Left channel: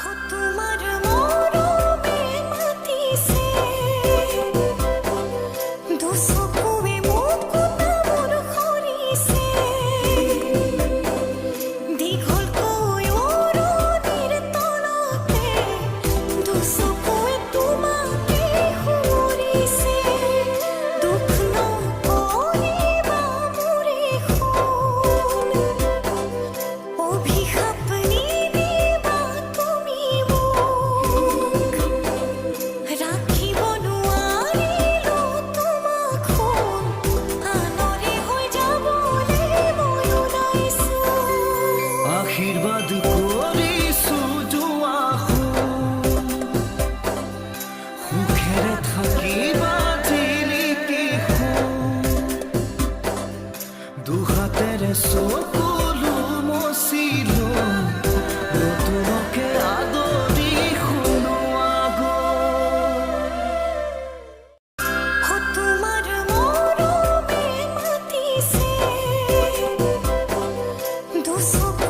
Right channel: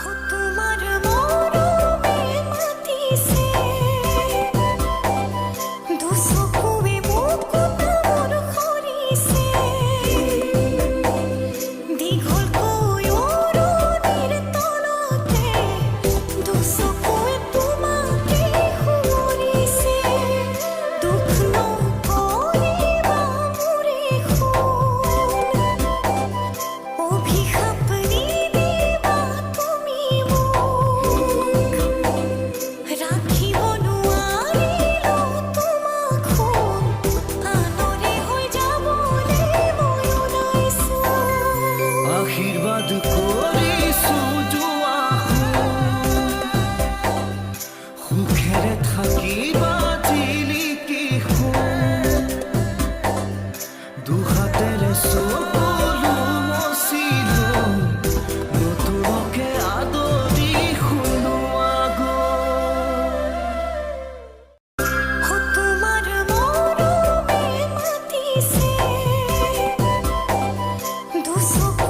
हो तुम्हार मरमे मातिसे दुचकुवे मुकुता मोर खरिसे दीघलকৈ অৰণিৰ তলতে দুচকুৱে তোমাকে সুঁৱৰিছে দুখ নকৰিবা মোৰে সোণ অভিশাপ নিদিবা তুমি মোক ৰাখিব নোৱাৰিলো তোমাক সোণ আনৰে হৈ যাবলৈ মই ওলাইছো আশীৰ্বাদ কৰিছো যোৱাচোন সুখেৰে থাকিবা জিলিকি সোণ দুহাতেৰে চকুলো মচিলো নতুনকে আদৰি শুনোৱা গ'ল हो तुम्हार मरमे मातिसे दुचकुवे